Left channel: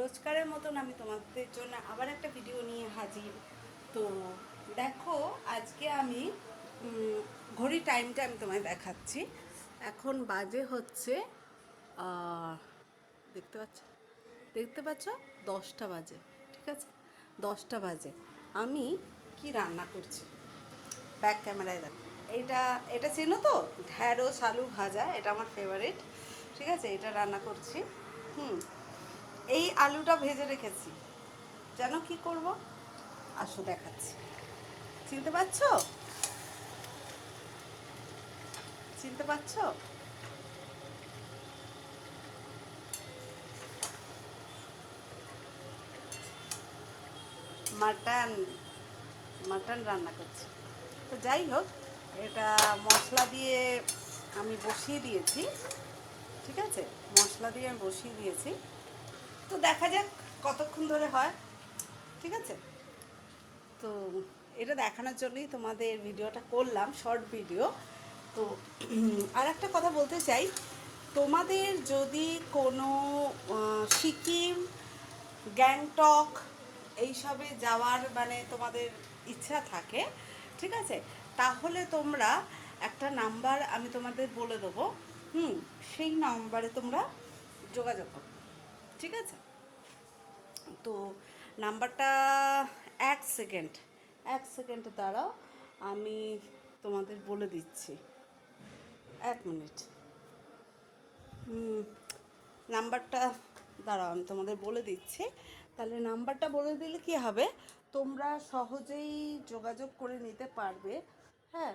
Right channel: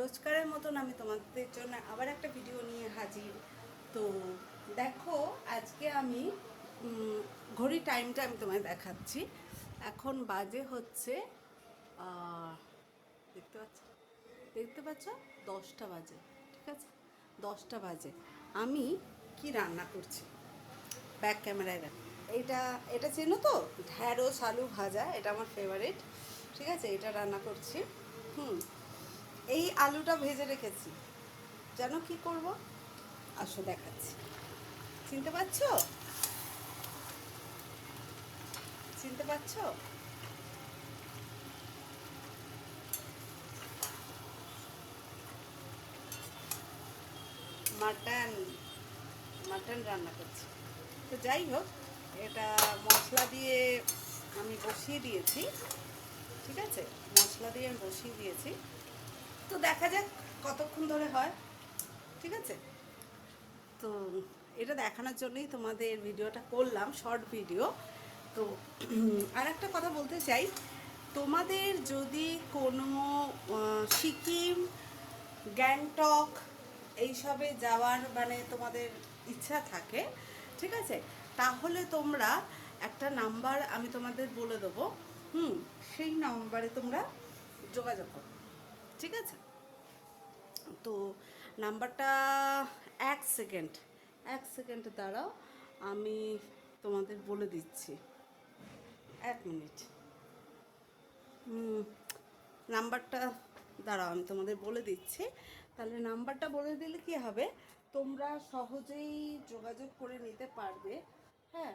রোজকারের মতন আমি তোমাদের জন্য আবার একটা ভিডিও নিয়ে হাজির। তো দেখো, আজকে আমি ঘড়ি টাইমটা আমি তোমায় দেখাচ্ছি। এখন বাজে হচ্ছে দেখতে পাচ্ছ, দেখতে পাচ্ছ 10টা বাজে। ঠিক আছে, 10টা বাজে। আমি কি রান্না করছি ব্যাক ক্যামেরায় দেখো। এটা এটা চেনো তো, ঢ্যাঁড়স আলু ভাজা, এটা আমার ফেভারিট। ঠিক আছে, এটা রান্না করছি। হুম, এই আলুটা ভেজে রেখেছি। জানো কি করব? আসো দেখাচ্ছি। চিনতে পারছো? চিনতে পারছো? মাটন, মাটন রান্না করছি। তো যাই হোক, এটা মশলা দিয়ে আমি বসিয়ে দিয়েছি। ঠিক আছে, মশলা দিয়ে আমি বসিয়ে দিয়েছি। তো দেখা যাক কতক্ষণ ধরে হয়। ঠিক আছে, তো এটা দেখানোর জন্যই তোমাদের ভিডিওটা করলাম, শর্ট ভিডিও। তো আর একটা কথা বলতে চাই, তোমাদের যদি কোনো সিকিম, গ্যাংটক এইসবে যাওয়ার মানে তোমাদের ইচ্ছা থাকে, ঠিক আছে, তাহলে তোমরা একটা নাম্বার আমি তোমাদের বলে দেবো। সেই নাম্বারে তোমরা যোগাযোগ করো। ঠিক আছে, তো নাম্বারটা, এক সেকেন্ড, এক সেকেন্ড দাঁড়াও, আমি তোমাদের বলে দিচ্ছি। এক মিনিট। নাম্বারটা দাঁড়াও, আমি তোমাদের বলে দিচ্ছি। তাহলে নাম্বারটা বলে দিলে কি হবে, তোমরা সহজেই যোগাযোগ করে নিতে পারবে। হ্যাঁ,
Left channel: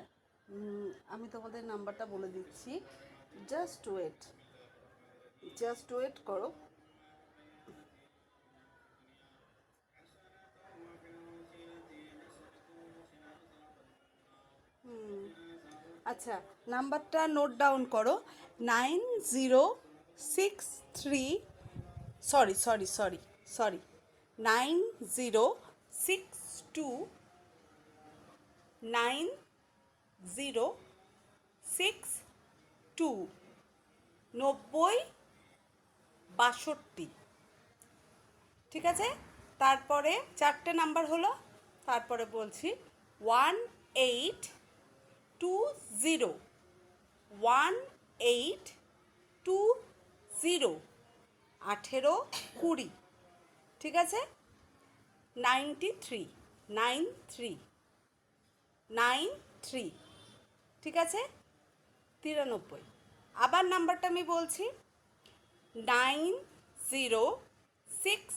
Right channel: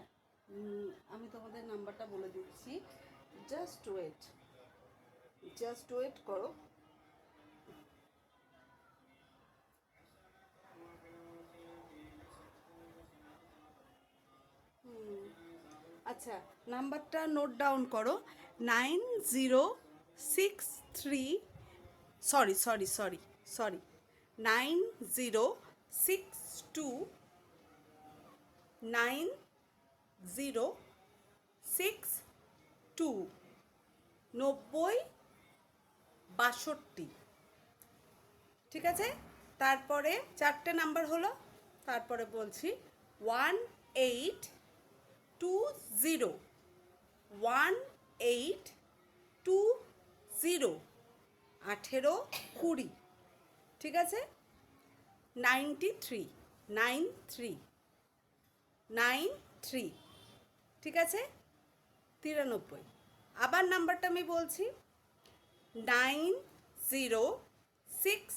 আমি তোমাদের নাম্বারটা বলে দিচ্ছি। জাস্ট ওয়েট, জাস্ট ওয়েট করো। আচ্ছা, নাম্বারটা নোট ডাউন করো। 9063, সরি সরি সরি সরি, 9062 9062 ঠিক আছে, তারপরে চারটে নাম্বার হলো, তারপরে বলছি 1820, 1820, 1820। ঠিক আছে, 93, 93, 93। ঠিক আছে, 93। আবার নাম্বারটা আমি বলছি, 9062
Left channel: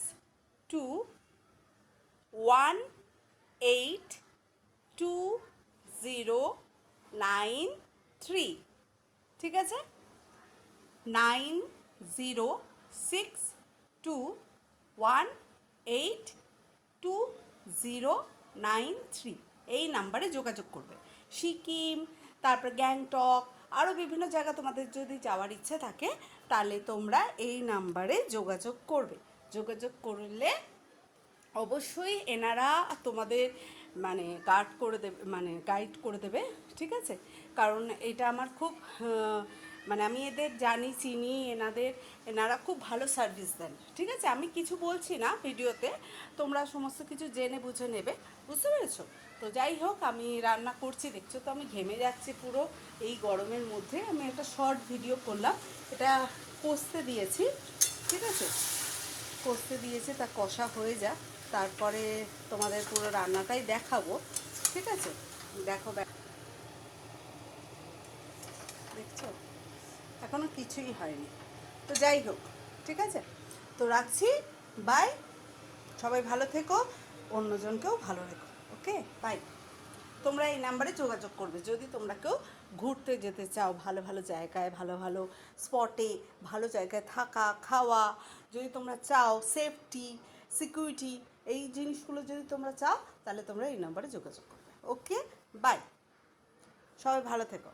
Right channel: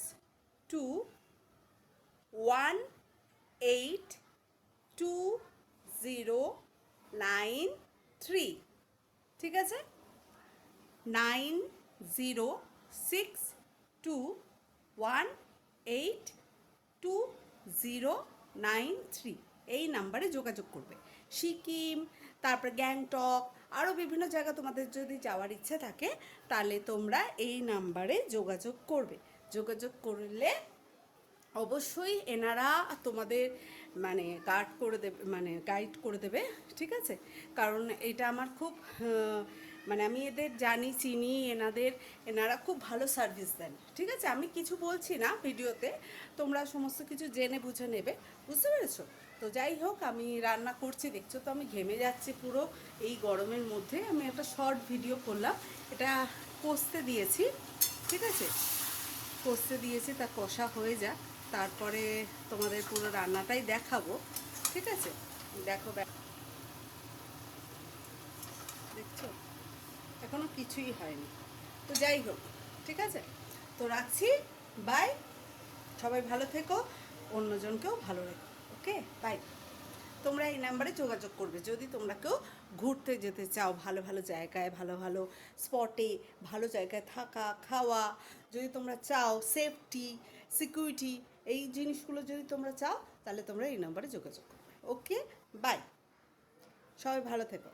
182093। ঠিক আছে, 9062 182093, এই নাম্বারে যোগাযোগ করবে। সিকিম, তারপর গ্যাংটক, আরও বিভিন্ন জায়গা তোমাদের যদি যাওয়ার ইচ্ছে থাকে, তাহলে তোমরা এই নাম্বারে যোগাযোগ করবে। যোগাযোগ করলে অবশ্যই এনারা তোমাদের মানে গার্ড করে দেবে, মানে গাইড করে দেবে। ঠিক আছে, কারণ এটা আমার খুব মানে আমি এদের জানি, চিনি এনাদের, এনারা খুব ভালো সার্ভিস দেন। ঠিক আছে, আমি কিছু বলছি না ভিডিওতে, তোমরা সমস্ত কিছু জেনে বুঝে নেবে। বুঝতে পেরেছো? তো যাই হোক, আমি রান্না করছি, দেখছো তো আমি ঘেমে যাচ্ছি পুরো এই গরমের মধ্যে। আমি একটা শর্ট ভিডিও করলাম, এটা কষতে দিয়েছি। ঠিক আছে, কষতে দিয়েছি, তা কষা হয়ে যাক, তারপরে তোমাদের পুরো রান্নাটাই দেখাবো। ঠিক আছে, দেখো, দেখছো এখনো কিছুই হয়নি। তো যাই হোক, ঠিক আছে, তো রাখছি। বাই, সবাই ভালো থেকো, অন্যজনকেও ভালো রেখো। ওকে, বাই। তোমরা এই নাম্বারে যোগাযোগ করবে যদি তোমরা কেউ ঘুরতে যেতে চাও, ভালো ভালো জায়গায়, ভালো ভালো স্পটে, ভালো জায়গায় থাকা খাওয়া যদি তোমরা চাও, সেফটি, সিকিউরিটি, এই জিনিসগুলো যদি তোমরা চাও, তাহলে তোমরা এই নাম্বারে যোগাযোগ করবে। ওকে, বাই, সবাই ভালো থেকো।